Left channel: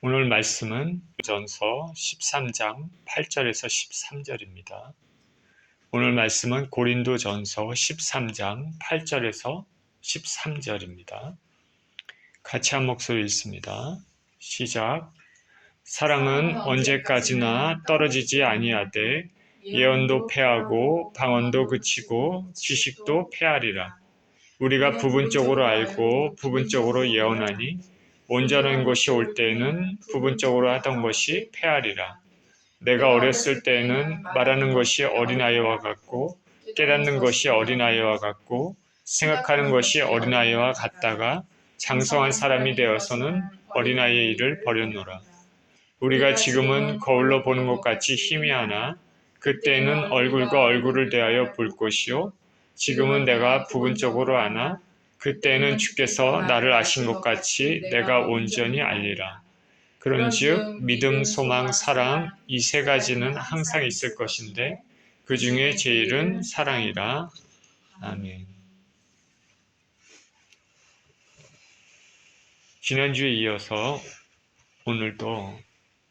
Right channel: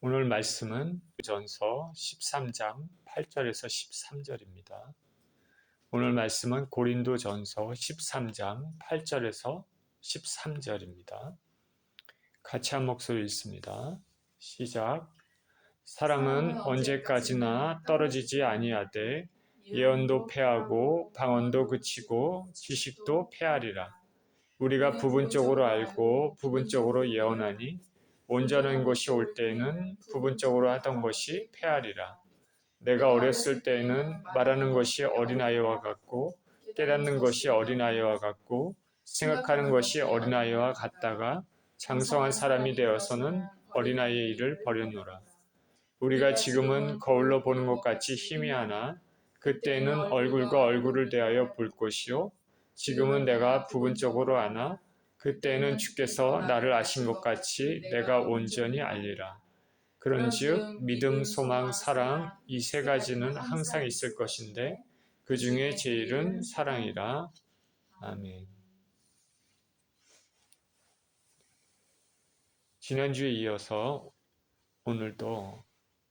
오늘 말씀은 전서 13장 8절에서 13절입니다. 오늘 말씀은 고린도전서 13장 8절에서 13절입니다. 같이 한 목소리 읽습니다. 시작. 사랑은 언제까지나 떨어지지 아니하되 예언도 패하고 방언도 그치고 지식도 패하리라. 우리가 부분적으로 알고 부분적으로 예언하니 온전한 것이 올 때에는 부분적으로 하던 것이 패하리라. 내가 어렸을 때에는 말하는 것이 어린아이와 같고 깨닫는 것이 어린아이와 같고 생각하는 것이 어린아이와 같다가 장성한 사람이 되어서는 어린아이의 일을 버렸노라. 우리가 지금은 거울로 보는 것 같이 희미하나 그때는 얼굴과 얼굴을 대하여 볼 것이요 지금은 내가 부분적으로 아나 그때는 주께서 나를 아신 것 같이 내가 온전히 알리라. 그런즉 믿음, 소망, 사랑 이 세 가지는 항상 있을 것인데 그 중에 제일은 사랑이라. 아멘. 지난주에 이어서 오늘도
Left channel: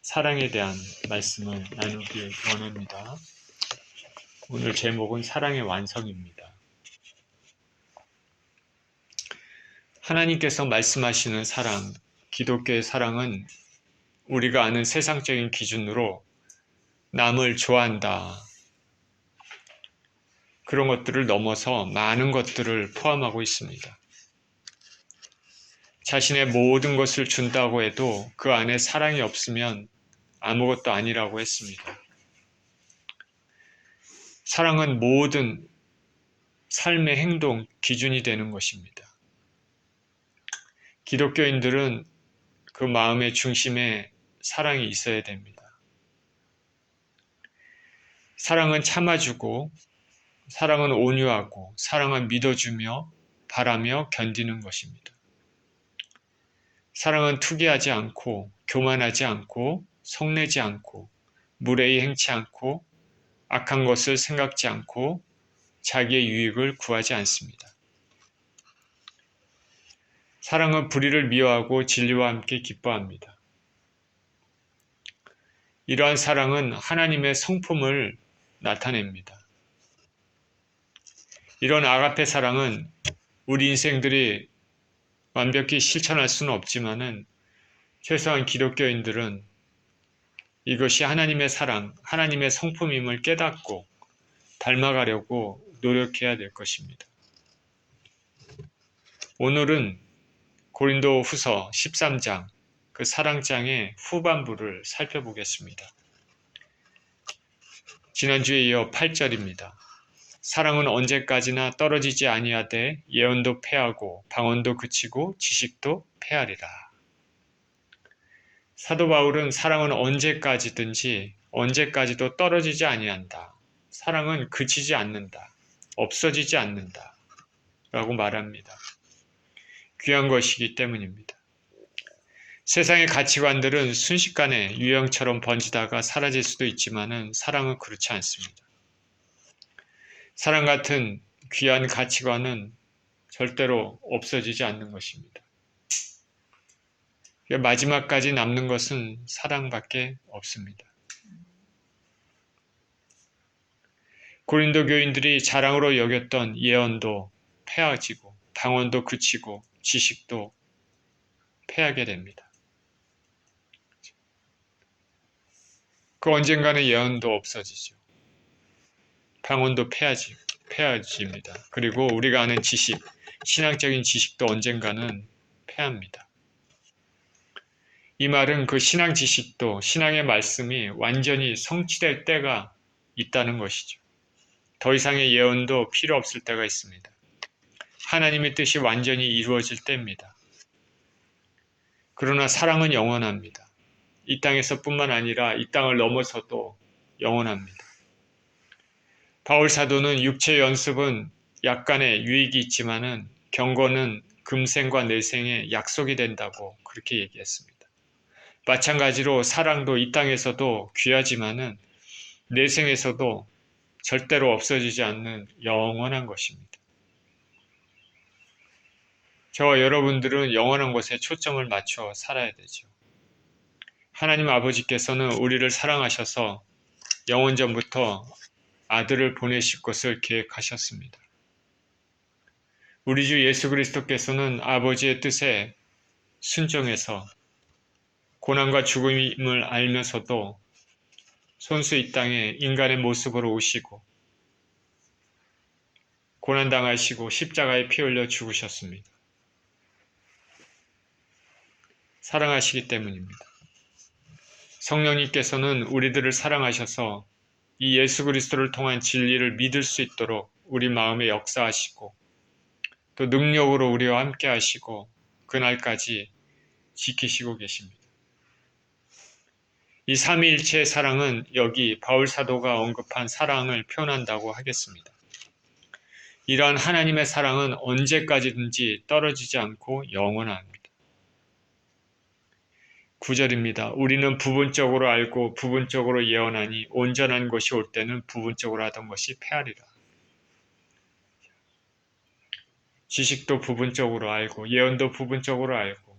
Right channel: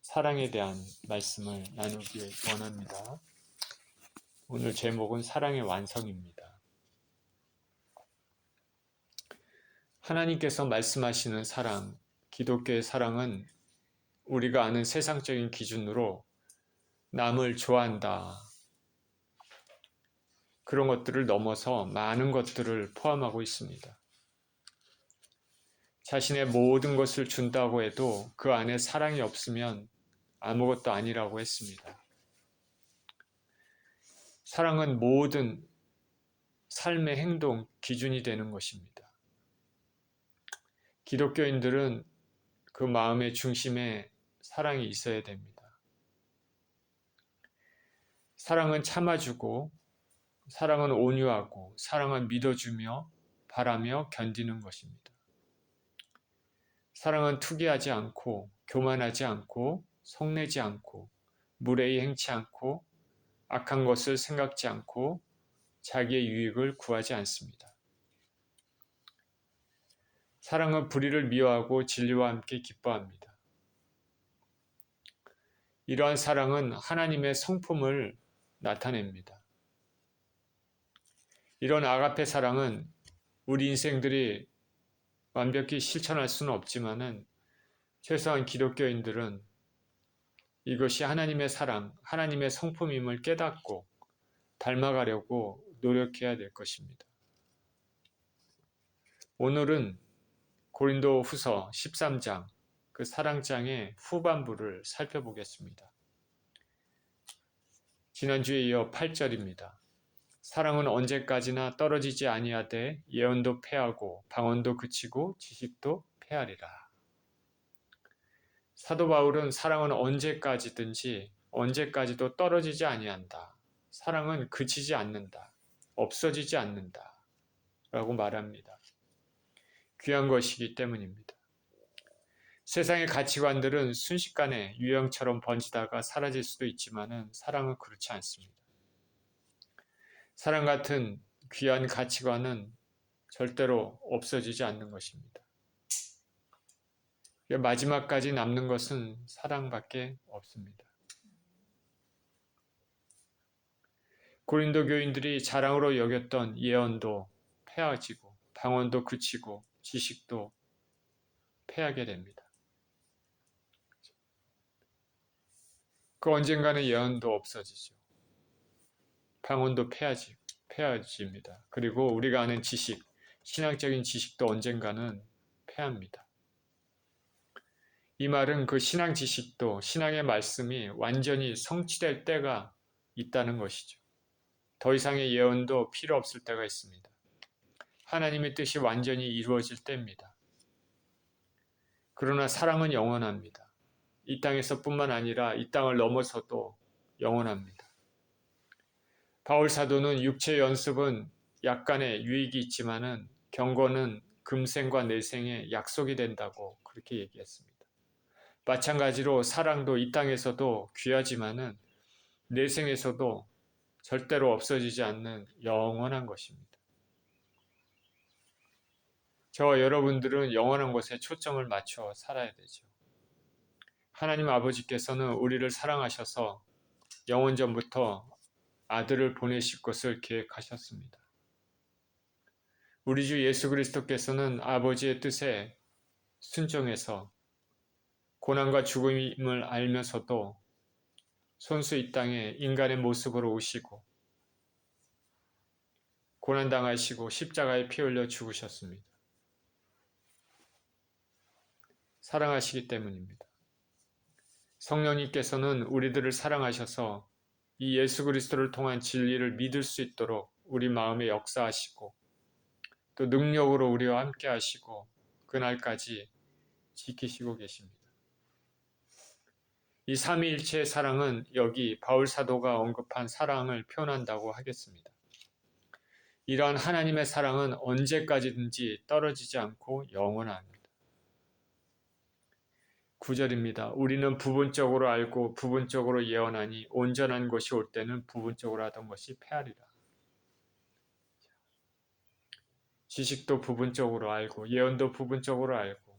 사랑에 대한 말씀을 나누기 원합니다. 오늘 제목은 사랑의 완성입니다. 하나님께서 말씀하시는 사랑, 기독교의 사랑은 우리가 아는 세상적인 기준으로 남을 좋아한다. 그런 것들을 넘어서 많은 것들을 포함하고 있습니다. 자신의 모든 것을 준다고 해도 그 안에 사랑이 없으면 아무것도 아니라고 했습니다. 사랑은 모든 삶의 행동 기준이 되는 것입니다. 기독교인들은 그 마음의 중심에 사랑이 있어야 됩니다. 사랑은 참아주고, 사랑은 온유하고, 사랑은 믿어주며, 바라며 견디는 것입니다. 사랑은 투기하지 않고, 교만하지 않고, 성내지 않고, 무례히 행치 않고, 악한 것을 생각지 않고, 자기의 유익을 구하지 않습니다. 사랑은 불의를 미워하고 진리와 함께 기뻐합니다. 이러한 사랑은 하나님의 성품을 나타냅니다. 이런 아가페 사랑은 우리 인생들이 완벽히 실천할 수는 없지만은 최소한 기독교인들은 이것이 하나님의 사랑, 하나님의 성품임을 깨닫고 닮아가려고 노력해야 될 것입니다. 오늘은 고린도 후서 13장, 그 사랑장의 후반부를 살펴보겠습니다. 지난주에 이어 8절입니다. 사랑은 언제까지나 떨어지지 아니하되 예언도 패하고 방언도 그치고 지식도 패하리라. 사도 바울은 사랑은 언제까지든지 언제까지도 떨어지지 아니한다. 사랑은 그치지 않는다. 없어지지 않는다. 라고 말합니다. 귀한 것이기 때문입니다. 세상의 가치관들은 순식간에 유행처럼 번지다가 사라질 수도 있지만은 사랑은 그렇지 않습니다. 사랑 같은 귀한 가치관은 절대로 없어지지 않는 것입니다. 마지막까지 남는 것은 사랑밖에 없습니다. 고린도 교인들이 자랑으로 여겼던 예언도 패하지고 방언도 그치고 지식도 패하게 됩니다. 그 언젠가는 예언도 없어지죠. 방언도 패해집니다. 그리고 우리가 아는 지식, 신앙적인 지식도 언젠가는 패합니다. 이 말은 그 신앙 지식도 신앙의 말씀이 완전히 성취될 때가 있다는 것이죠. 더 이상의 예언도 필요 없을 때가 있습니다. 하나님의 뜻이 완전히 이루어질 때입니다. 그러나 사랑은 영원합니다. 이 땅에서뿐만 아니라 이 땅을 넘어서도 영원합니다. 바울 사도는 육체의 연습은 약간의 유익이 있지만은 경건은 금생과 내생의 약속이 된다고 그렇게 얘기했습니다. 마찬가지로 사랑도 이 땅에서도 귀하지만은 내생에서도 절대로 없어지지 않는 영원한 것입니다. 저와 여러분들은 영원한 것에 초점을 맞춰 살아야 되죠. 하나님 아버지께서는 우리를 사랑하셔서 영원전부터 아들을 보내실 것을 계획하셨습니다. 우리 주 예수 그리스도께서는 아버지의 뜻에 순종해서 고난과 죽음을 알면서도 손수 이 땅에 인간의 모습으로 오시고 고난당하시고 십자가에 피 흘려 죽으셨습니다. 사랑하시기 때문입니다. 성령님께서는 우리들을 사랑하셔서 이 예수 그리스도를 통한 진리를 믿을 수 있도록 우리 마음에 역사하시고 또 능력으로 우리와 함께 하시고 그날까지 지키시고 계십니다. 이 삼위일체의 사랑은 여기 바울 사도가 언급한 사랑을 표현한다고 하겠습니다. 이러한 하나님의 사랑은 언제까지든지 떨어지지 않고 영원합니다. 9절입니다. 우리는 부분적으로 알고 부분적으로 예언하니 온전한 것이 올 때는 부분적으로 하던 것이 패하리라. 지식도 부분적으로 알고 예언도 부분적으로 알고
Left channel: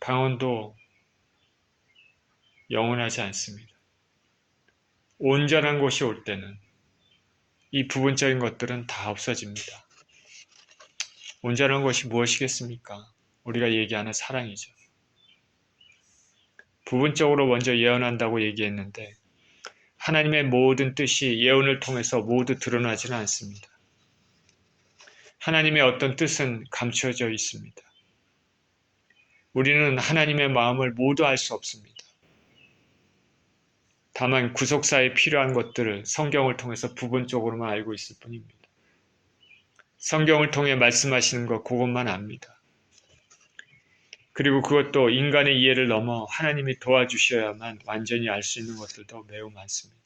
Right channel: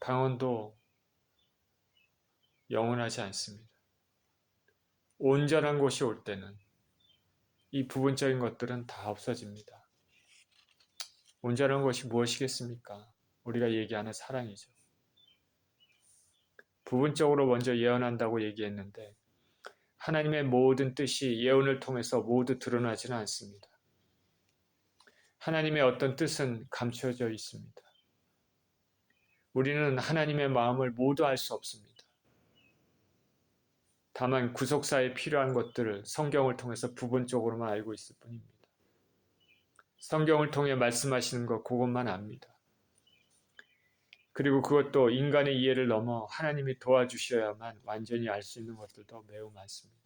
방언도 영원하지 않습니다. 온전한 것이 올 때는 이 부분적인 것들은 다 없어집니다. 온전한 것이 무엇이겠습니까? 우리가 얘기하는 사랑이죠. 부분적으로 먼저 예언한다고 얘기했는데 하나님의 모든 뜻이 예언을 통해서 모두 드러나지는 않습니다. 하나님의 어떤 뜻은 감추어져 있습니다. 우리는 하나님의 마음을 모두 알 수 없습니다. 다만 구속사에 필요한 것들을 성경을 통해서 부분적으로만 알고 있을 뿐입니다. 성경을 통해 말씀하시는 것 그것만 압니다. 그리고 그것도 인간의 이해를 넘어 하나님이 도와주셔야만 완전히 알 수 있는 것들도 매우 많습니다.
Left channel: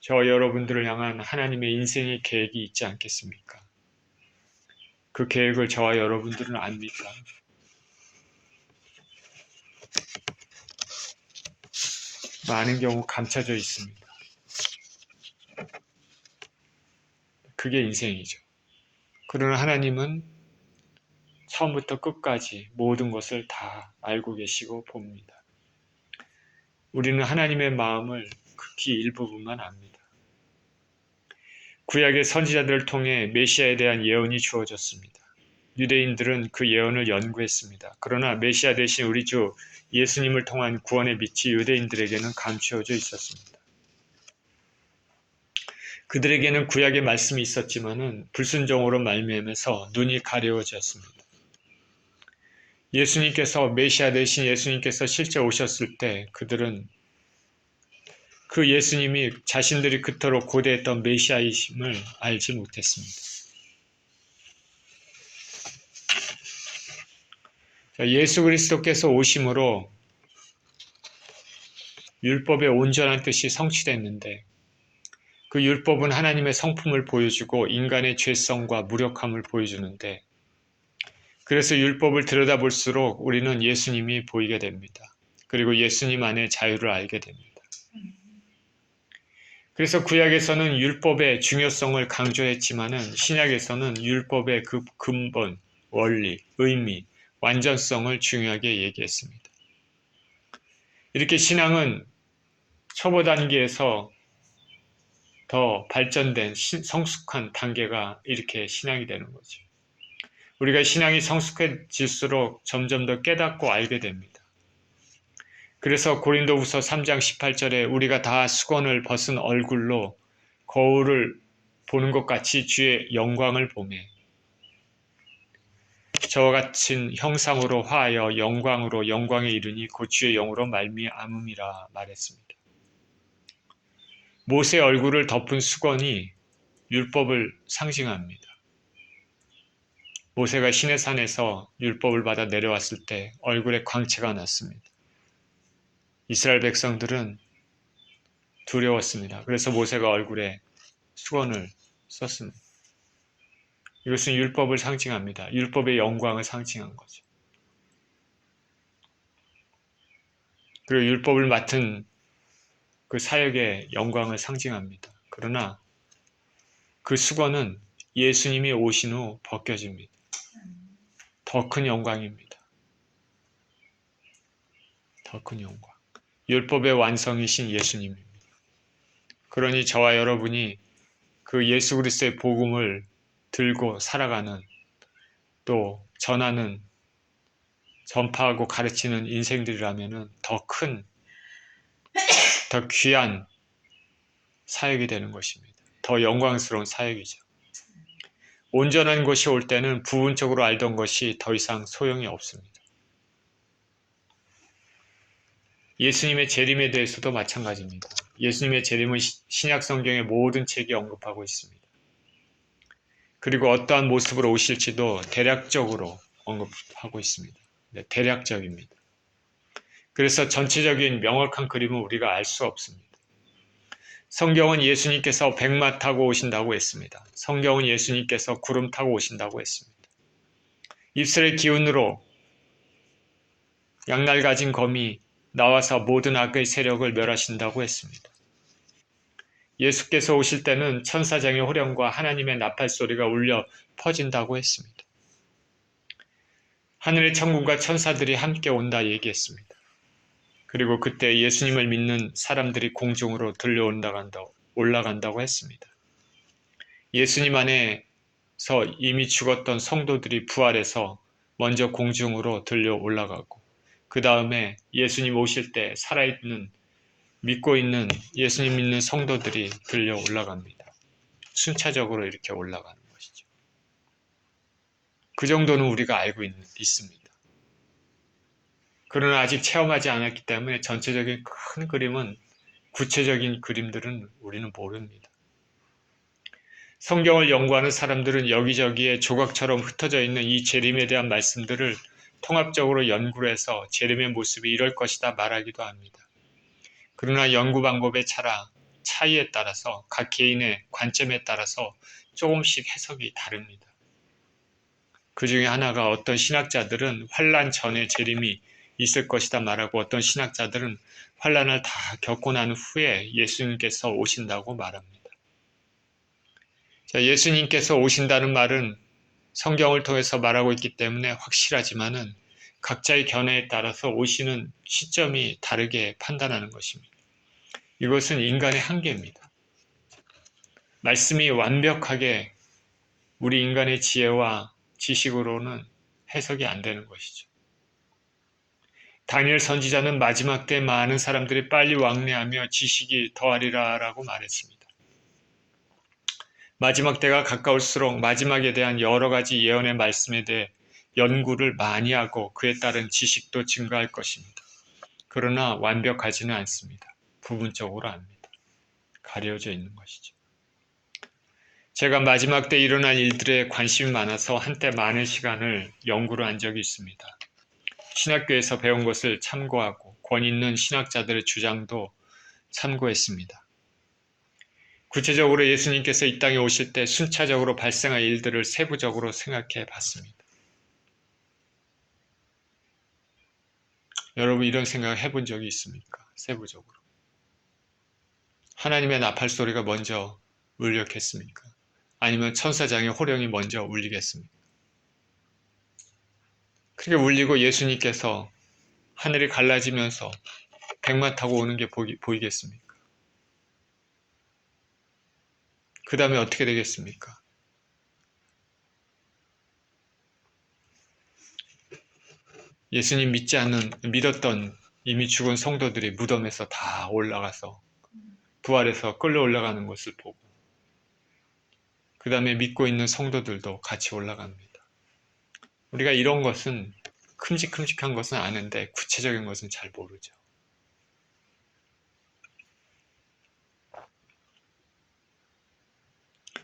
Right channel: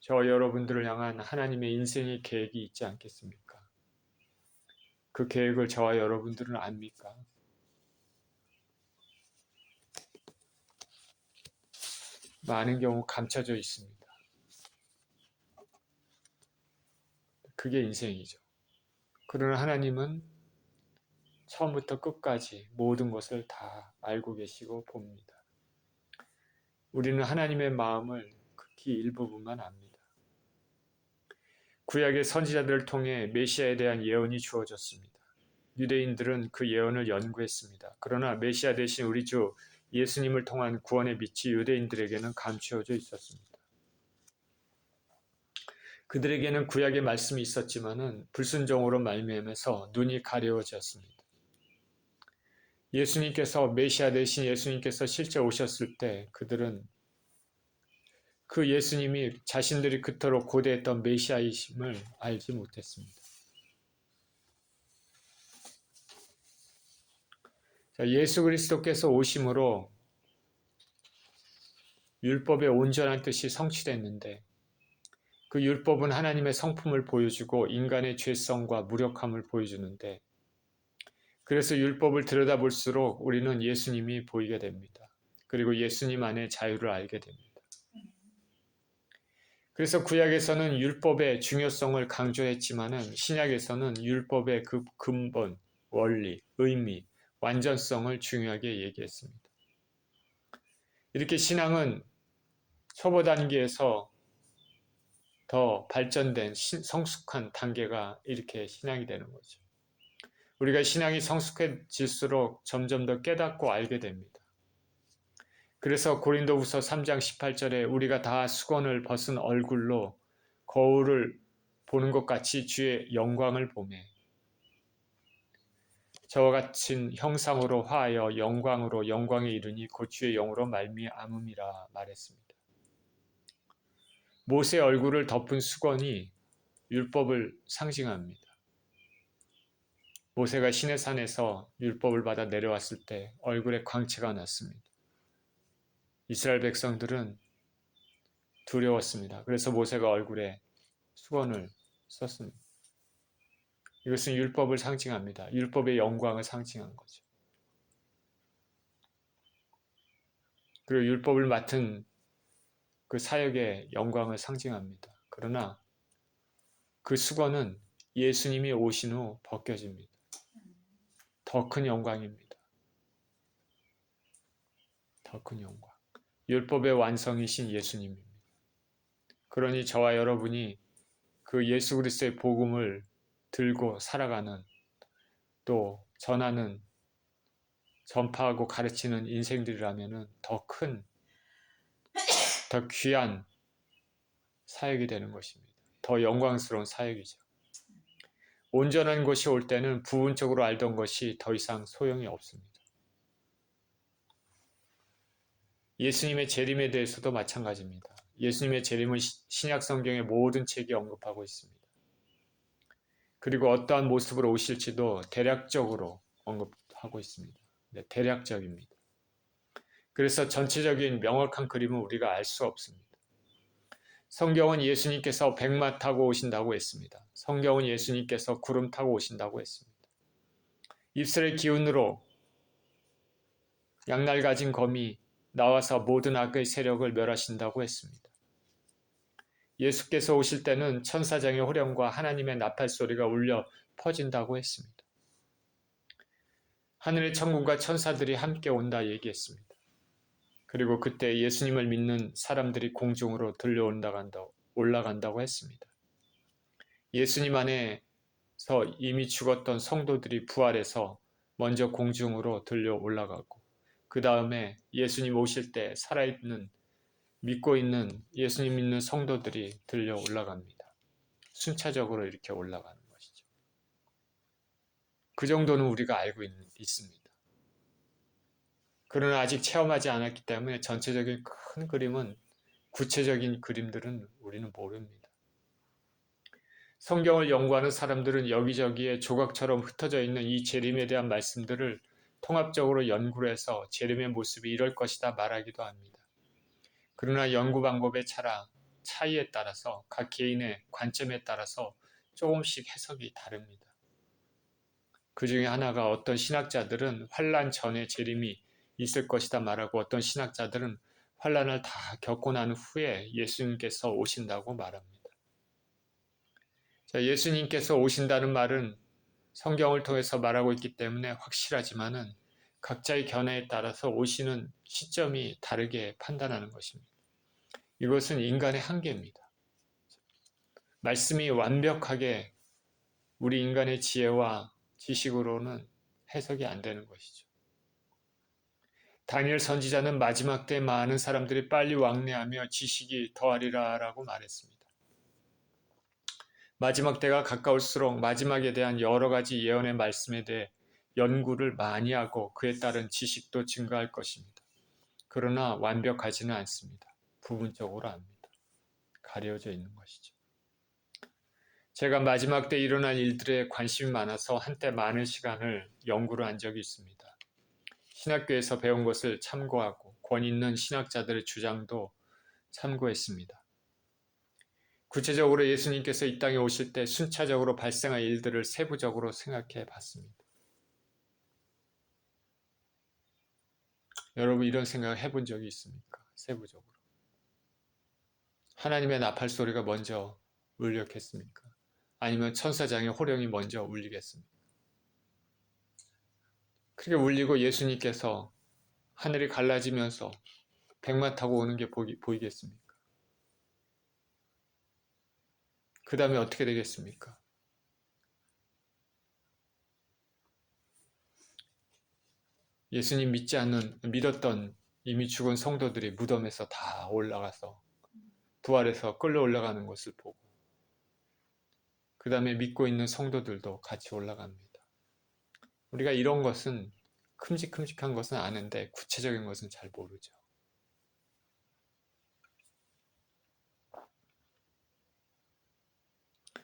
저와 여러분들을 향한 하나님의 인생의 계획이 있지 않겠습니까? 그 계획을 저와 여러분들은 압니까? 많은 경우 감춰져 있습니다. 그게 인생이죠. 그러나 하나님은 처음부터 끝까지 모든 것을 다 알고 계시고 봅니다. 우리는 하나님의 마음을 극히 일부분만 압니다. 구약의 선지자들을 통해 메시아에 대한 예언이 주어졌습니다. 유대인들은 그 예언을 연구했습니다. 그러나 메시아 대신 우리 주 예수님을 통한 구원의 빛이 유대인들에게는 감추어져 있었습니다. 그들에게는 구약의 말씀이 있었지만은 불순종으로 말미암아서 눈이 가려워졌습니다. 예수님께서 메시아 대신 예수님께서 실제 오셨을 때 그들은 그 예수님이 자신들이 그토록 고대했던 메시아이심을 알지 못했습니다. 예수 그리스도께서 오심으로 율법의 온전한 뜻이 성취됐는데 그 율법은 하나님의 성품을 보여주고 인간의 죄성과 무력함을 보여주는데 그래서 율법을 들여다볼수록 우리는 예수님이 보이게 됩니다. 그리고 예수님 안에 자유를 알게 됩니다. 그래서 구약에서는 율법의 중요성을 강조했지만은 신약에서는 율법의 그 근본, 원리, 의미, 완전성을 중요하게 얘기했습니다. 이렇게 신앙은 초보 단계에서 더 발전된 성숙한 단계가 이렇게 신앙이 되는 거죠. 우리가 신앙이 성숙해질수록 점점 더 깨닫고 알게 됩니다. 그래서 고린도후서 3장 18절에 우리가 다 수건을 벗은 얼굴로 거울을 보는 것 같이 주의 영광을 보매 저와 같은 형상으로 화하여 영광으로 영광에 이르니 곧 주의 영으로 말미암음이라 말했습니다. 모세의 얼굴을 덮은 수건이 율법을 상징합니다. 모세가 시내산에서 율법을 받아 내려왔을 때 얼굴에 광채가 났습니다. 이스라엘 백성들은 두려웠습니다. 그래서 모세가 얼굴에 수건을 썼습니다. 이것은 율법을 상징합니다. 율법의 영광을 상징한 거죠. 그리고 율법을 맡은 그 사역의 영광을 상징합니다. 그러나 그 수건은 예수님이 오신 후 벗겨집니다. 더 큰 영광입니다. 더 큰 영광. 율법의 완성이신 예수님입니다. 그러니 저와 여러분이 그 예수 그리스도의 복음을 들고 살아가는, 또 전하는, 전파하고 가르치는 인생들이라면 더 큰, 더 귀한 사역이 되는 것입니다. 더 영광스러운 사역이죠. 온전한 것이 올 때는 부분적으로 알던 것이 더 이상 소용이 없습니다. 예수님의 재림에 대해서도 마찬가지입니다. 예수님의 재림은 신약 성경의 모든 책이 언급하고 있습니다. 그리고 어떠한 모습으로 오실지도 대략적으로 언급하고 있습니다. 네, 대략적입니다. 그래서 전체적인 명확한 그림은 우리가 알 수 없습니다. 성경은 예수님께서 백마 타고 오신다고 했습니다. 성경은 예수님께서 구름 타고 오신다고 했습니다. 입술의 기운으로 양날 가진 검이 나와서 모든 악의 세력을 멸하신다고 했습니다. 예수께서 오실 때는 천사장의 호령과 하나님의 나팔 소리가 울려 퍼진다고 했습니다. 하늘의 천군과 천사들이 함께 온다 얘기했습니다. 그리고 그때 예수님을 믿는 사람들이 공중으로 올라간다고 했습니다. 예수님 안에서 이미 죽었던 성도들이 부활해서 먼저 공중으로 들려 올라가고, 그 다음에 예수님 오실 때 살아있는, 믿고 있는, 예수님 믿는 성도들이 들려 올라갑니다. 순차적으로 이렇게 올라가는 것이죠. 그 정도는 우리가 알고 있습니다. 그러나 아직 체험하지 않았기 때문에 전체적인 큰 그림은, 구체적인 그림들은 우리는 모릅니다. 성경을 연구하는 사람들은 여기저기에 조각처럼 흩어져 있는 이 재림에 대한 말씀들을 통합적으로 연구를 해서 재림의 모습이 이럴 것이다 말하기도 합니다. 그러나 연구 방법의 차이에 따라서, 각 개인의 관점에 따라서 조금씩 해석이 다릅니다. 그 중에 하나가, 어떤 신학자들은 환란 전에 재림이 있을 것이다 말하고, 어떤 신학자들은 환란을 다 겪고 난 후에 예수님께서 오신다고 말합니다. 자, 예수님께서 오신다는 말은 성경을 통해서 말하고 있기 때문에 확실하지만은 각자의 견해에 따라서 오시는 시점이 다르게 판단하는 것입니다. 이것은 인간의 한계입니다. 말씀이 완벽하게 우리 인간의 지혜와 지식으로는 해석이 안 되는 것이죠. 다니엘 선지자는 마지막 때 많은 사람들이 빨리 왕래하며 지식이 더하리라 라고 말했습니다. 마지막 때가 가까울수록 마지막에 대한 여러 가지 예언의 말씀에 대해 연구를 많이 하고 그에 따른 지식도 증가할 것입니다. 그러나 완벽하지는 않습니다. 부분적으로 압니다. 가려져 있는 것이죠. 제가 마지막 때 일어날 일들에 관심이 많아서 한때 많은 시간을 연구를 한 적이 있습니다. 신학교에서 배운 것을 참고하고 권위 있는 신학자들의 주장도 참고했습니다. 구체적으로 예수님께서 이 땅에 오실 때 순차적으로 발생할 일들을 세부적으로 생각해 봤습니다. 여러분, 이런 생각 해본 적이 있습니까? 세부적으로. 하나님의 나팔 소리가 먼저 울렸겠습니까? 아니면 천사장의 호령이 먼저 울리겠습니까? 그렇게 울리고 예수님께서 하늘이 갈라지면서 백마 타고 오는 게 보이겠습니까? 그 다음에 어떻게 되겠습니까? 예수님 믿었던 이미 죽은 성도들이 무덤에서 다 올라가서 부활해서 끌려 올라가는 것을 보고, 그 다음에 믿고 있는 성도들도 같이 올라갑니다. 우리가 이런 것은, 큼직큼직한 것은 아는데 구체적인 것은 잘 모르죠.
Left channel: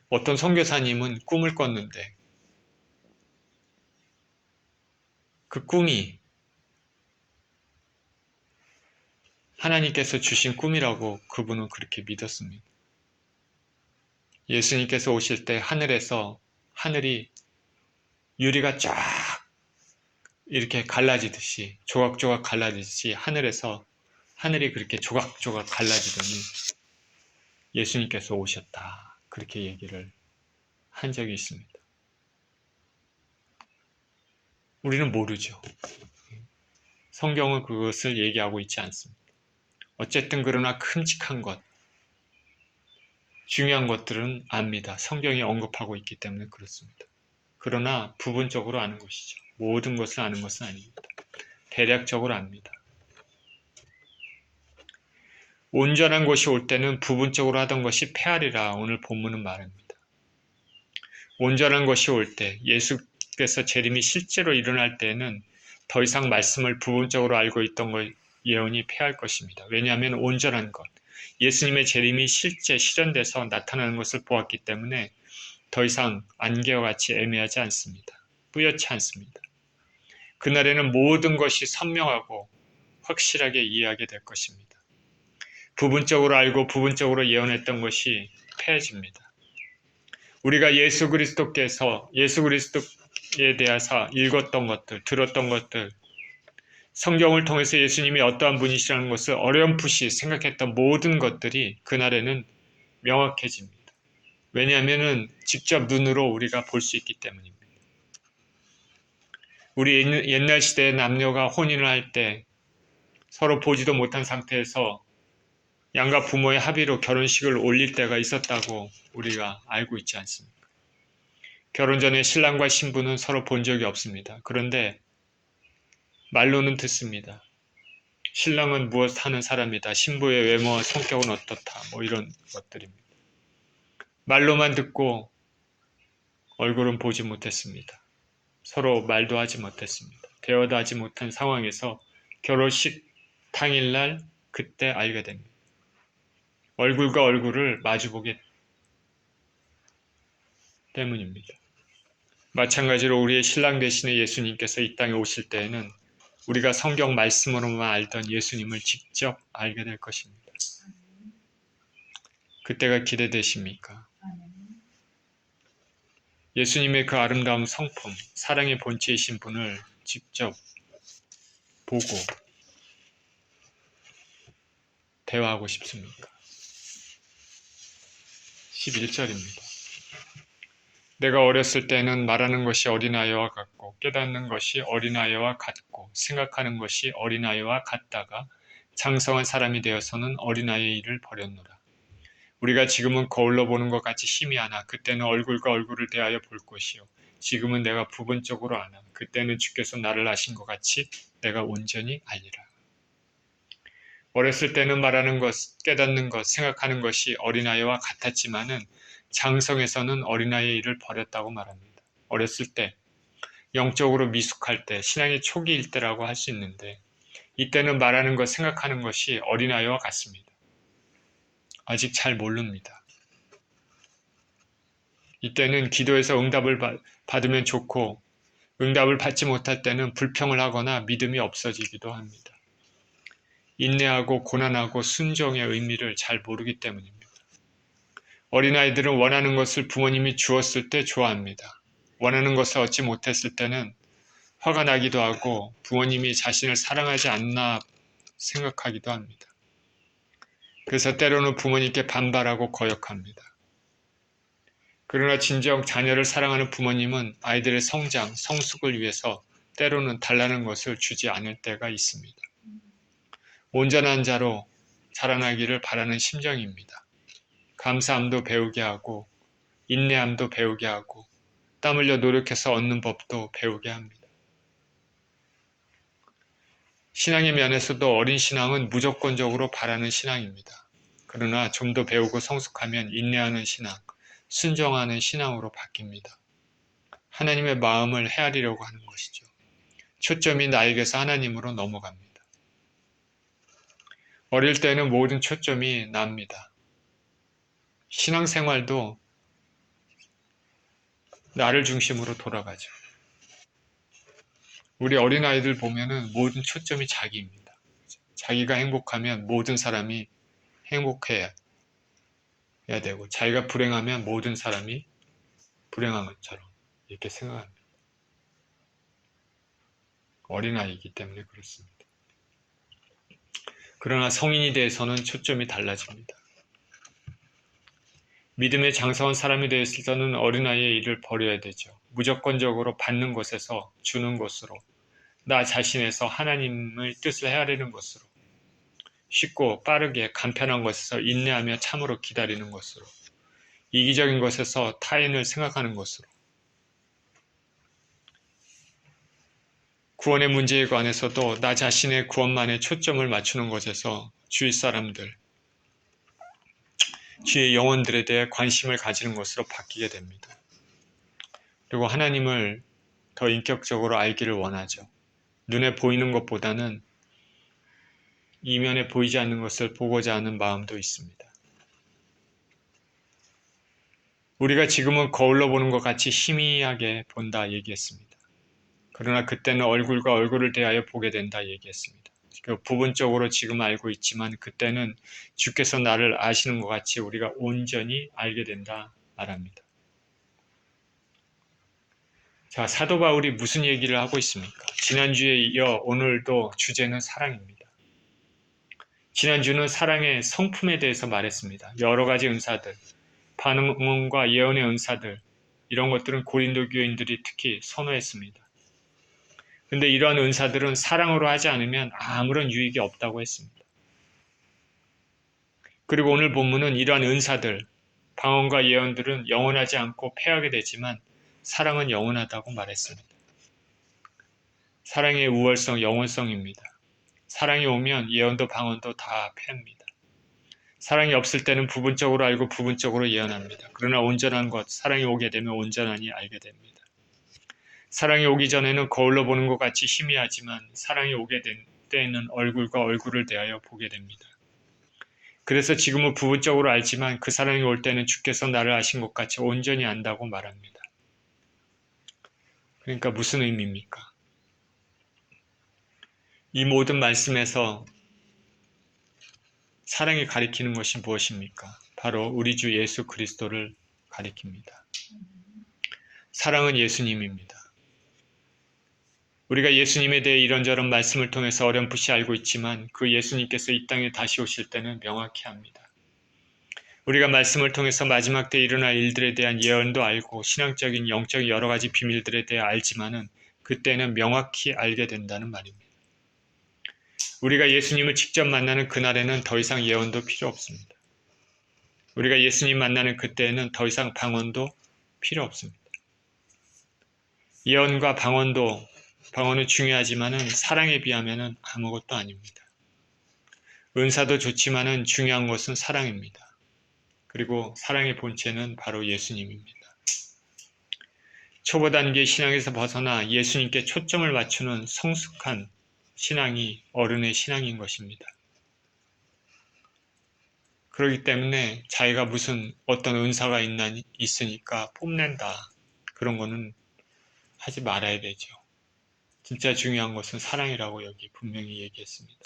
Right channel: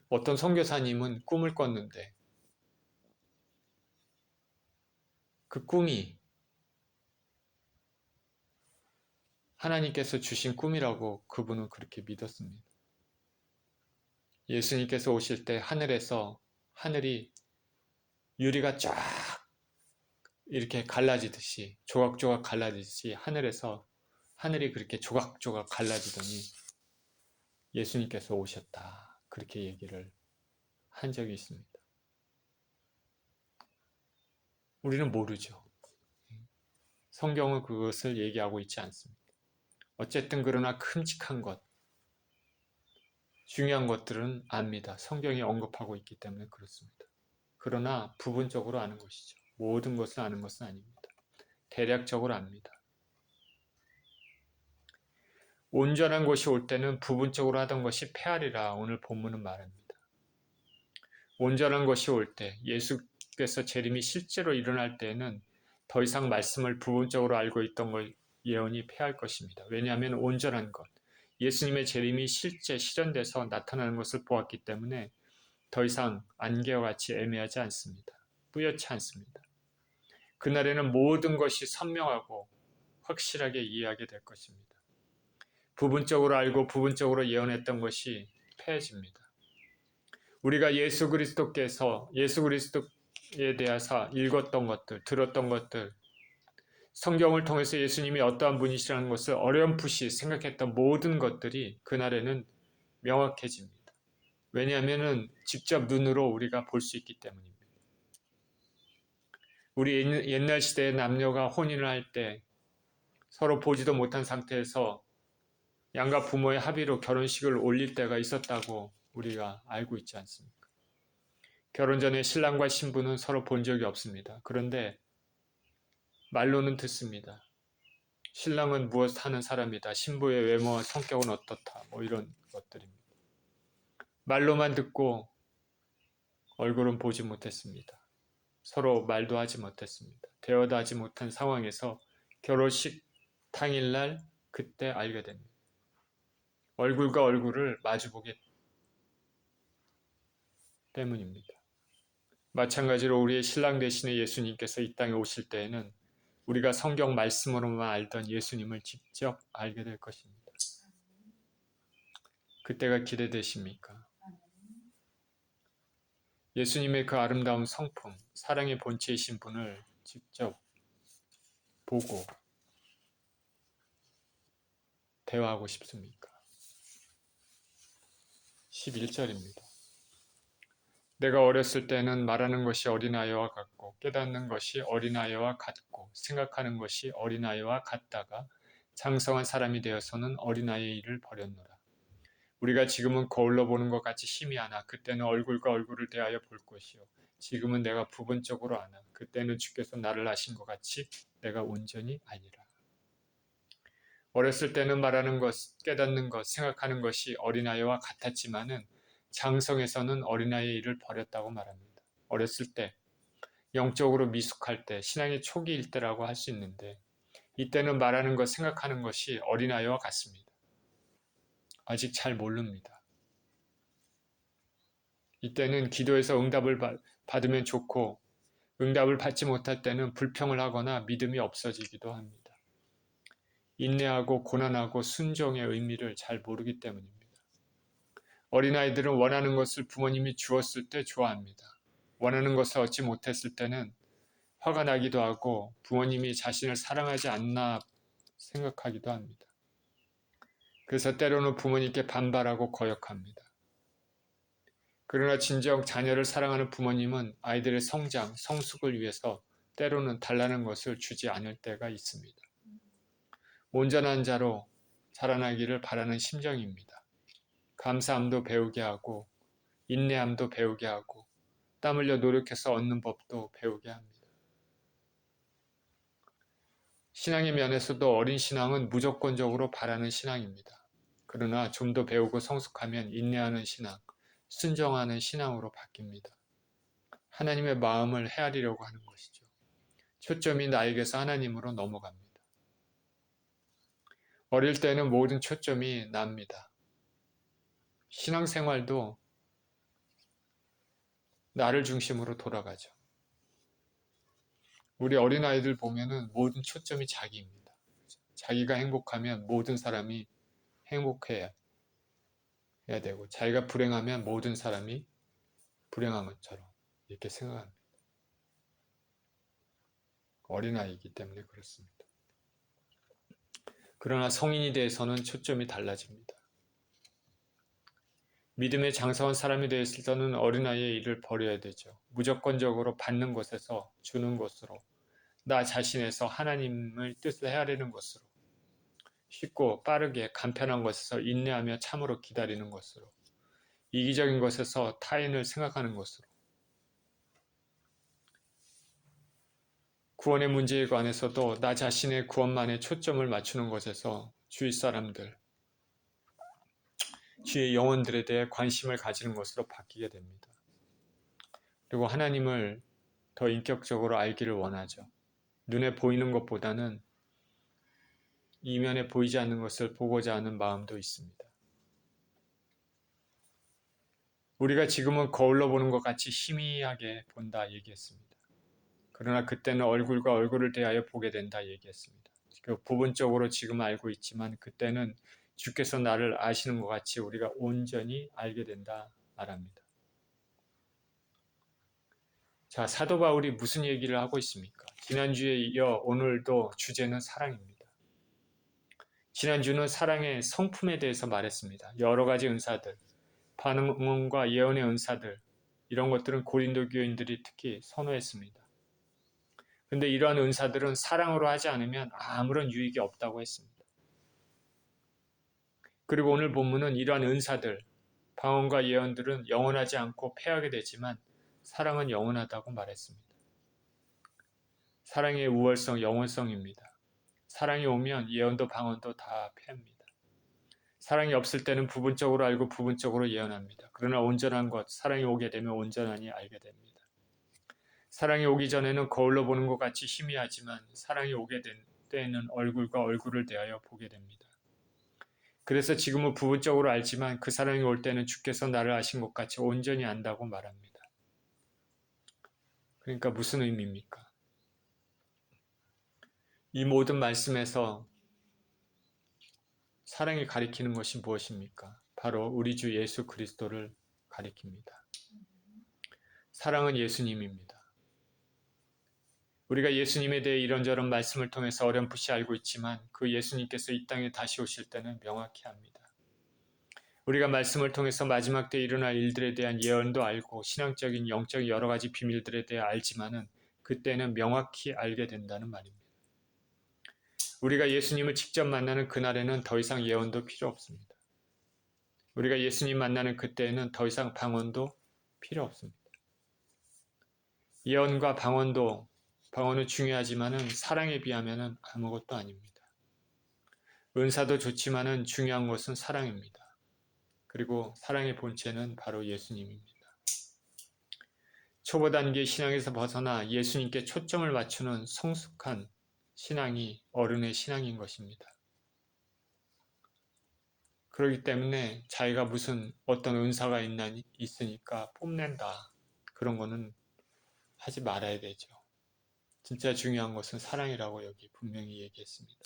어떤 선교사님은 꿈을 꿨는데 그 꿈이 하나님께서 주신 꿈이라고 그분은 그렇게 믿었습니다. 예수님께서 오실 때 하늘이 유리가 쫙 이렇게 갈라지듯이, 조각조각 갈라지듯이 하늘이 그렇게 조각조각 갈라지더니 예수님께서 오셨다, 그렇게 얘기를 한 적이 있습니다. 우리는 모르죠. 성경은 그것을 얘기하고 있지 않습니다. 어쨌든 그러나 큼직한 것, 중요한 것들은 압니다. 성경이 언급하고 있기 때문에 그렇습니다. 그러나 부분적으로 아는 것이죠. 모든 것을 아는 것은 아닙니다. 대략적으로 압니다. 온전한 것이 올 때는 부분적으로 하던 것이 패하리라 오늘 본문은 말합니다. 온전한 것이 올 때, 예수께서 재림이 실제로 일어날 때에는 더 이상 말씀을 부분적으로 알고 있던 것 예언이 패할 것입니다. 왜냐하면 온전한 것, 예수님의 재림이 실제 실현돼서 나타나는 것을 보았기 때문에 더 이상 안개와 같이 애매하지 않습니다. 뿌옇지 않습니다. 그날에는 모든 것이 선명하고 확실하게 이해하게 될 것입니다. 부분적으로 알고 부분적으로 예언했던 것이 패해집니다. 우리가 예수 그리스도에 대해서 읽었던 것들, 들었던 것들, 성경을 통해서 예수님이 어떠한 분이시라는 것을 어렴풋이 생각했던 모든 것들이 그날에는 명확해집니다. 왜냐하면 직접 눈으로 우리가 볼 수 있기 때문입니다. 우리 옛날 시대의 남녀가 혼인을 할 때 서로 보지도 못한 상태에서 양가 부모의 합의로 결혼식을 올릴 때가 있었다고 우리가 알고 있지 않습니까? 결혼 전에 신랑과 신부는 서로 본 적이 없습니다. 그런데 말로는 듣습니다. 신랑은 무엇 하는 사람이다. 신부의 외모와 성격은 어떻다. 이런 것들입니다. 말로만 듣고 얼굴은 보지 못했습니다. 서로 말도 하지 못했습니다. 대화도 하지 못한 상황에서 결혼식 당일날 그때 알게 됩니다. 얼굴과 얼굴을 마주보게 때문입니다. 마찬가지로 우리의 신랑 되시는 예수님께서 이 땅에 오실 때에는 우리가 성경 말씀으로만 알던 예수님을 직접 알게 될 것입니다. 그때가 기대되십니까? 예수님의 그 아름다운 성품, 사랑의 본체이신 분을 직접 보고 대화하고 싶습니까? 11절입니다. 내가 어렸을 때는 말하는 것이 어린아이와 같고 깨닫는 것이 어린아이와 같고 생각하는 것이 어린아이와 같다가 장성한 사람이 되어서는 어린아이의 일을 버렸노라. 우리가 지금은 거울로 보는 것 같이 희미하나 그때는 얼굴과 얼굴을 대하여 볼 것이요 지금은 내가 부분적으로 아나 그때는 주께서 나를 아신 것 같이 내가 온전히 알리라. 어렸을 때는 말하는 것, 깨닫는 것, 생각하는 것이 어린아이와 같았지만은 장성에서는 어린아이의 일을 버렸다고 말합니다. 어렸을 때, 영적으로 미숙할 때, 신앙의 초기일 때라고 할 수 있는데 이때는 말하는 것, 생각하는 것이 어린아이와 같습니다. 아직 잘 모릅니다. 이때는 기도해서 응답을 받으면 좋고 응답을 받지 못할 때는 불평을 하거나 믿음이 없어지기도 합니다. 인내하고 고난하고 순종의 의미를 잘 모르기 때문입니다. 어린아이들은 원하는 것을 부모님이 주었을 때 좋아합니다. 원하는 것을 얻지 못했을 때는 화가 나기도 하고 부모님이 자신을 사랑하지 않나 생각하기도 합니다. 그래서 때로는 부모님께 반발하고 거역합니다. 그러나 진정 자녀를 사랑하는 부모님은 아이들의 성장, 성숙을 위해서 때로는 달라는 것을 주지 않을 때가 있습니다. 온전한 자로 자라나기를 바라는 심정입니다. 감사함도 배우게 하고 인내함도 배우게 하고 땀 흘려 노력해서 얻는 법도 배우게 합니다. 신앙의 면에서도 어린 신앙은 무조건적으로 바라는 신앙입니다. 그러나 좀 더 배우고 성숙하면 인내하는 신앙, 순종하는 신앙으로 바뀝니다. 하나님의 마음을 헤아리려고 하는 것이죠. 초점이 나에게서 하나님으로 넘어갑니다. 어릴 때는 모든 초점이 납니다. 신앙생활도 나를 중심으로 돌아가죠. 우리 어린아이들 보면은 모든 초점이 자기입니다. 자기가 행복하면 모든 사람이 행복해야 되고 자기가 불행하면 모든 사람이 불행한 것처럼 이렇게 생각합니다. 어린아이이기 때문에 그렇습니다. 그러나 성인이 돼서는 초점이 달라집니다. 믿음의 장성한 사람이 되어서는 어린아이의 일을 버려야 되죠. 무조건적으로 받는 것에서 주는 것으로 나 자신에서 하나님의 뜻을 헤아리는 것으로, 쉽고 빠르게 간편한 것에서 인내하며 참으로 기다리는 것으로, 이기적인 것에서 타인을 생각하는 것으로, 구원의 문제에 관해서도 나 자신의 구원만에 초점을 맞추는 것에서 주위 사람들, 주위의 영혼들에 대해 관심을 가지는 것으로 바뀌게 됩니다. 그리고 하나님을 더 인격적으로 알기를 원하죠. 눈에 보이는 것보다는 이면에 보이지 않는 것을 보고자 하는 마음도 있습니다. 우리가 지금은 거울로 보는 것 같이 희미하게 본다 얘기했습니다. 그러나 그때는 얼굴과 얼굴을 대하여 보게 된다 얘기했습니다. 부분적으로 지금 알고 있지만 그때는 주께서 나를 아시는 것 같이 우리가 온전히 알게 된다 말합니다. 자, 사도 바울이 무슨 얘기를 하고 있습니까? 지난주에 이어 오늘도 주제는 사랑입니다. 지난주는 사랑의 성품에 대해서 말했습니다. 여러 가지 은사들, 반응과 예언의 은사들, 이런 것들은 고린도 교인들이 특히 선호했습니다. 근데 이러한 은사들은 사랑으로 하지 않으면 아무런 유익이 없다고 했습니다. 그리고 오늘 본문은 이러한 은사들, 방언과 예언들은 영원하지 않고 패하게 되지만 사랑은 영원하다고 말했습니다. 사랑의 우월성, 영원성입니다. 사랑이 오면 예언도 방언도 다 패합니다. 사랑이 없을 때는 부분적으로 알고 부분적으로 예언합니다. 그러나 온전한 것, 사랑이 오게 되면 온전하니 알게 됩니다. 사랑이 오기 전에는 거울로 보는 것 같이 희미하지만 사랑이 오게 된 때에는 얼굴과 얼굴을 대하여 보게 됩니다. 그래서 지금은 부분적으로 알지만 그 사랑이 올 때는 주께서 나를 아신 것 같이 온전히 안다고 말합니다. 그러니까 무슨 의미입니까? 이 모든 말씀에서 사랑이 가리키는 것이 무엇입니까? 바로 우리 주 예수 그리스도를 가리킵니다. 사랑은 예수님입니다. 우리가 예수님에 대해 이런저런 말씀을 통해서 어렴풋이 알고 있지만 그 예수님께서 이 땅에 다시 오실 때는 명확히 합니다. 우리가 말씀을 통해서 마지막 때 일어날 일들에 대한 예언도 알고 신앙적인 영적인 여러 가지 비밀들에 대해 알지만은 그때는 명확히 알게 된다는 말입니다. 우리가 예수님을 직접 만나는 그날에는 더 이상 예언도 필요 없습니다. 우리가 예수님 만나는 그때에는 더 이상 방언도 필요 없습니다. 예언과 방언은 중요하지만은 사랑에 비하면은 아무것도 아닙니다. 은사도 좋지만은 중요한 것은 사랑입니다. 그리고 사랑의 본체는 바로 예수님입니다. 초보 단계 신앙에서 벗어나 예수님께 초점을 맞추는 성숙한 신앙이 어른의 신앙인 것입니다. 그렇기 때문에 자기가 무슨 어떤 은사가 있으니까 뽐낸다. 그런 거는 하지 말아야 되죠. 진짜 중요한 것은 사랑이라고 여기 분명히 얘기했습니다.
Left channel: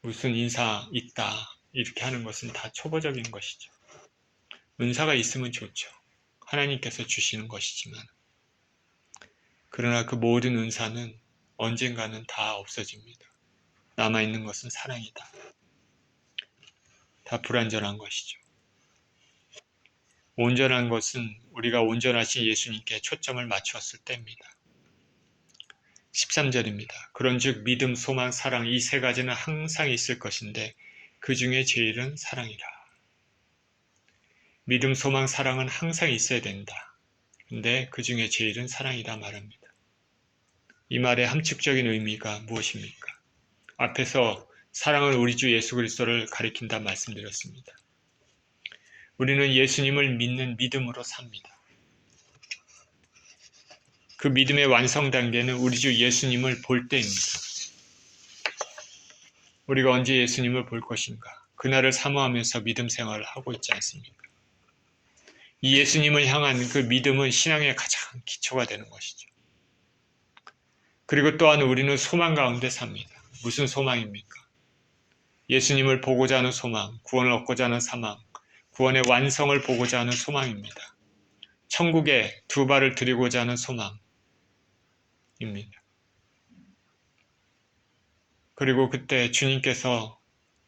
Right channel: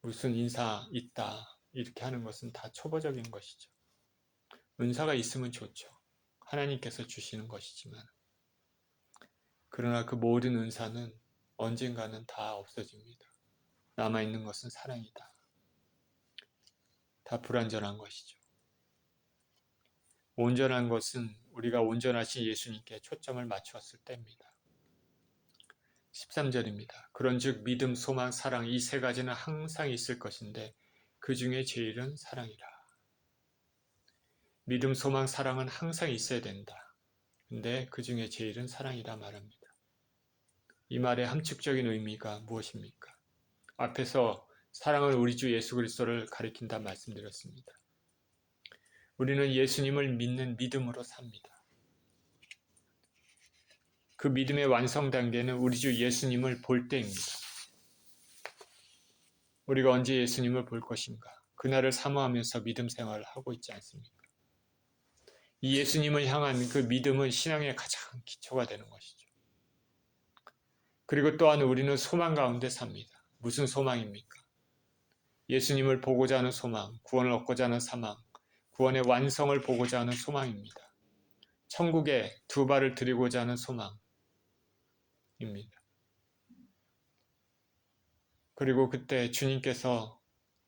무슨 인사 있다 이렇게 하는 것은 다 초보적인 것이죠. 은사가 있으면 좋죠. 하나님께서 주시는 것이지만 그러나 그 모든 은사는 언젠가는 다 없어집니다. 남아있는 것은 사랑이다. 다 불완전한 것이죠. 온전한 것은 우리가 온전하신 예수님께 초점을 맞추었을 때입니다. 13절입니다. 그런즉 믿음, 소망, 사랑 이 세 가지는 항상 있을 것인데 그 중에 제일은 사랑이라. 믿음, 소망, 사랑은 항상 있어야 된다. 근데 그 중에 제일은 사랑이다 말합니다. 이 말의 함축적인 의미가 무엇입니까? 앞에서 사랑은 우리 주 예수 그리스도를 가리킨다 말씀드렸습니다. 우리는 예수님을 믿는 믿음으로 삽니다. 그 믿음의 완성 단계는 우리 주 예수님을 볼 때입니다. 우리가 언제 예수님을 볼 것인가? 그날을 사모하면서 믿음 생활을 하고 있지 않습니까? 이 예수님을 향한 그 믿음은 신앙의 가장 기초가 되는 것이죠. 그리고 또한 우리는 소망 가운데 삽니다. 무슨 소망입니까? 예수님을 보고자 하는 소망, 구원을 얻고자 하는 사망, 구원의 완성을 보고자 하는 소망입니다. 천국에 두 발을 들이고자 하는 소망입니다. 그리고 그때 주님께서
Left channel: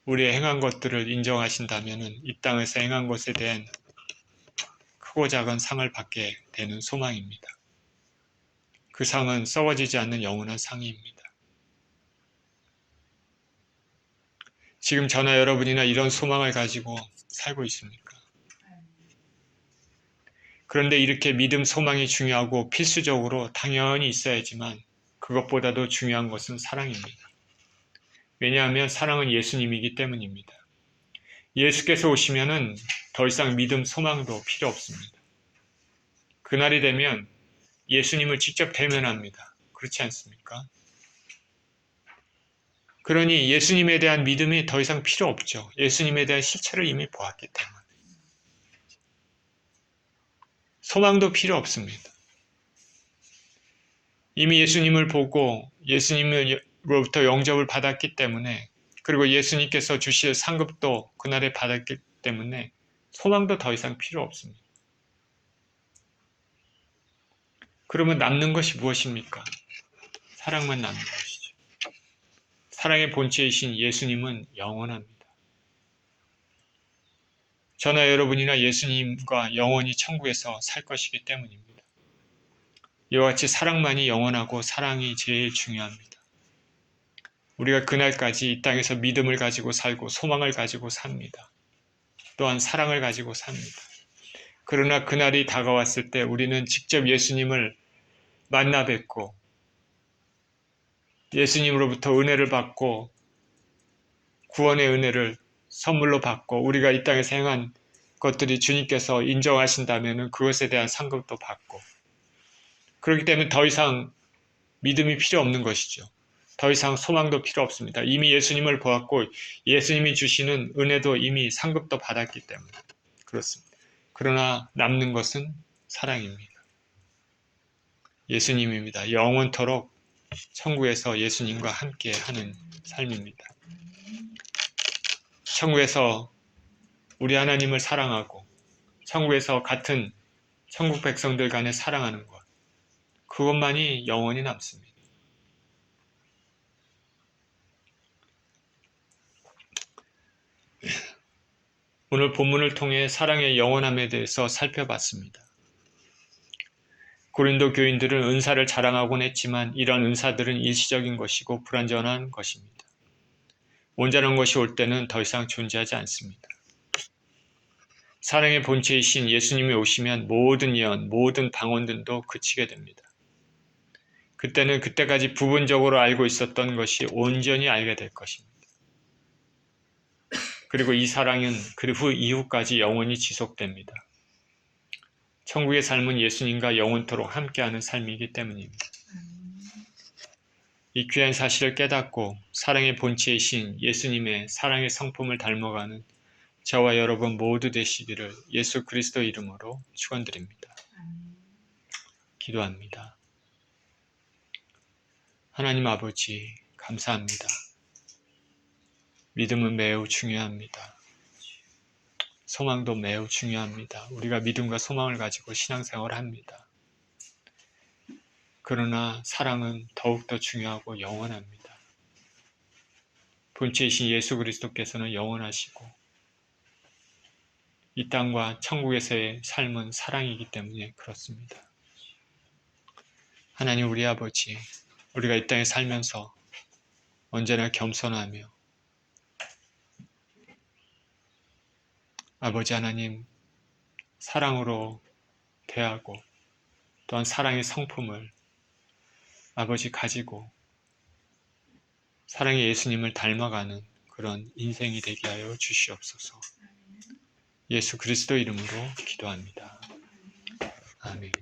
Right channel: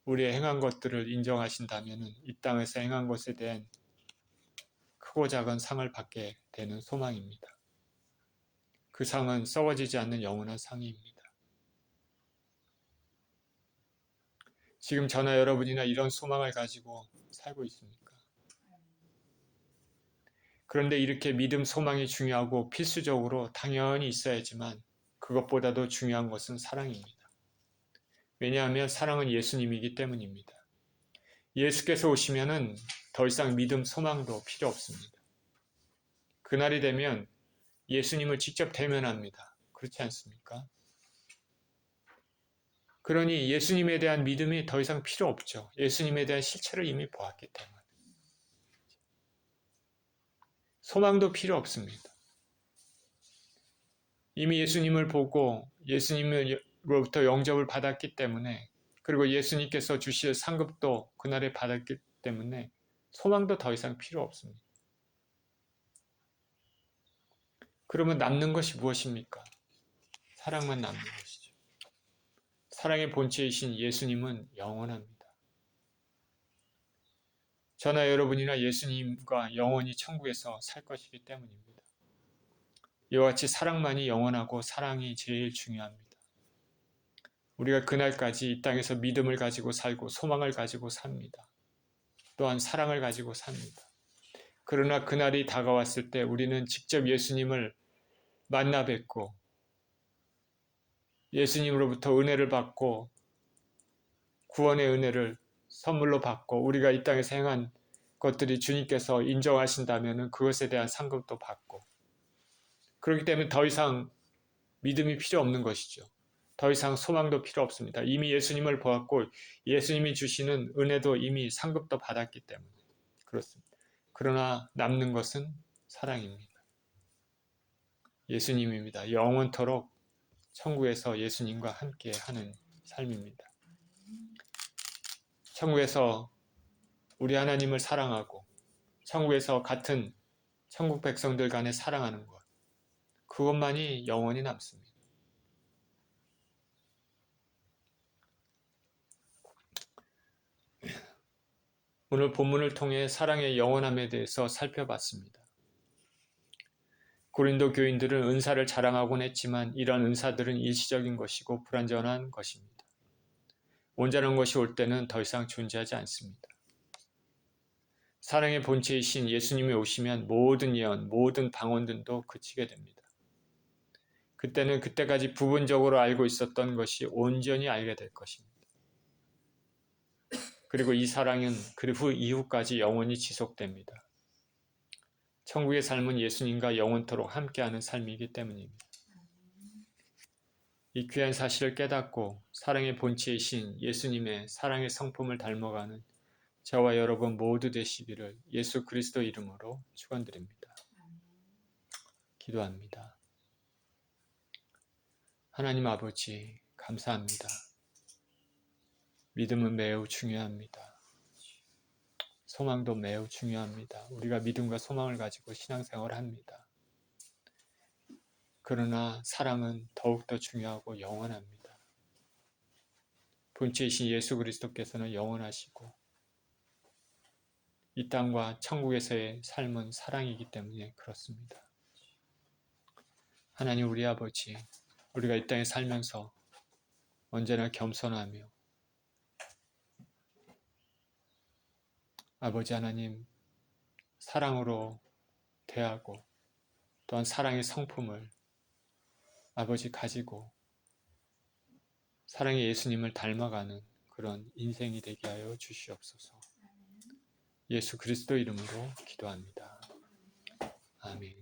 우리의 행한 것들을 인정하신다면 이 땅에서 행한 것에 대한 크고 작은 상을 받게 되는 소망입니다. 그 상은 썩어지지 않는 영원한 상입니다. 지금 저나 여러분이나 이런 소망을 가지고 살고 있습니까? 그런데 이렇게 믿음, 소망이 중요하고 필수적으로 당연히 있어야지만 그것보다도 중요한 것은 사랑입니다. 왜냐하면 사랑은 예수님이기 때문입니다. 예수께서 오시면은 더 이상 믿음, 소망도 필요 없습니다. 그날이 되면 예수님을 직접 대면합니다. 그렇지 않습니까? 그러니 예수님에 대한 믿음이 더 이상 필요 없죠. 예수님에 대한 실체를 이미 보았기 때문에. 소망도 필요 없습니다. 이미 예수님을 보고 예수님으로부터 영접을 받았기 때문에, 그리고 예수님께서 주실 상급도 그날에 받았기 때문에 소망도 더 이상 필요 없습니다. 그러면 남는 것이 무엇입니까? 사랑만 남는 것이죠. 사랑의 본체이신 예수님은 영원합니다. 저나 여러분이나 예수님과 영원히 천국에서 살 것이기 때문입니다. 이와 같이 사랑만이 영원하고 사랑이 제일 중요합니다. 우리가 그날까지 이 땅에서 믿음을 가지고 살고 소망을 가지고 삽니다. 또한 사랑을 가지고 삽니다. 그러나 그날이 다가왔을 때 우리는 직접 예수님을 만나 뵙고 예수님으로부터 은혜를 받고 구원의 은혜를 선물로 받고 우리가 이 땅에서 행한 것들이 주님께서 인정하신다면 그것에 대한 상급도 받고, 그렇기 때문에 더 이상 믿음이 필요 없는 것이죠. 더 이상 소망도 필요 없습니다. 이미 예수님을 보았고 예수님이 주시는 은혜도 이미 상급도 받았기 때문에 그렇습니다. 그러나 남는 것은 사랑입니다. 예수님입니다. 영원토록 천국에서 예수님과 함께 하는 삶입니다. 천국에서 우리 하나님을 사랑하고 천국에서 같은 천국 백성들 간에 사랑하는 것, 그것만이 영원히 남습니다. 오늘 본문을 통해 사랑의 영원함에 대해서 살펴봤습니다. 고린도 교인들은 은사를 자랑하곤 했지만 이러한 은사들은 일시적인 것이고 불완전한 것입니다. 온전한 것이 올 때는 더 이상 존재하지 않습니다. 사랑의 본체이신 예수님이 오시면 모든 예언, 모든 방언들도 그치게 됩니다. 그때는 그때까지 부분적으로 알고 있었던 것이 온전히 알게 될 것입니다. 그리고 이 사랑은 그 이후까지 영원히 지속됩니다. 천국의 삶은 예수님과 영원토록 함께하는 삶이기 때문입니다. 이 귀한 사실을 깨닫고 사랑의 본체이신 예수님의 사랑의 성품을 닮아가는 저와 여러분 모두 되시기를 예수 그리스도 이름으로 축원드립니다. 기도합니다. 하나님 아버지, 감사합니다. 믿음은 매우 중요합니다. 소망도 매우 중요합니다. 우리가 믿음과 소망을 가지고 신앙생활을 합니다. 그러나 사랑은 더욱더 중요하고 영원합니다. 본체이신 예수 그리스도께서는 영원하시고 이 땅과 천국에서의 삶은 사랑이기 때문에 그렇습니다. 하나님 우리 아버지, 우리가 이 땅에 살면서 언제나 겸손하며 아버지 하나님 사랑으로 대하고 또한 사랑의 성품을 아버지 가지고 사랑의 예수님을 닮아가는 그런 인생이 되게 하여 주시옵소서. 예수 그리스도 이름으로 기도합니다. 아멘.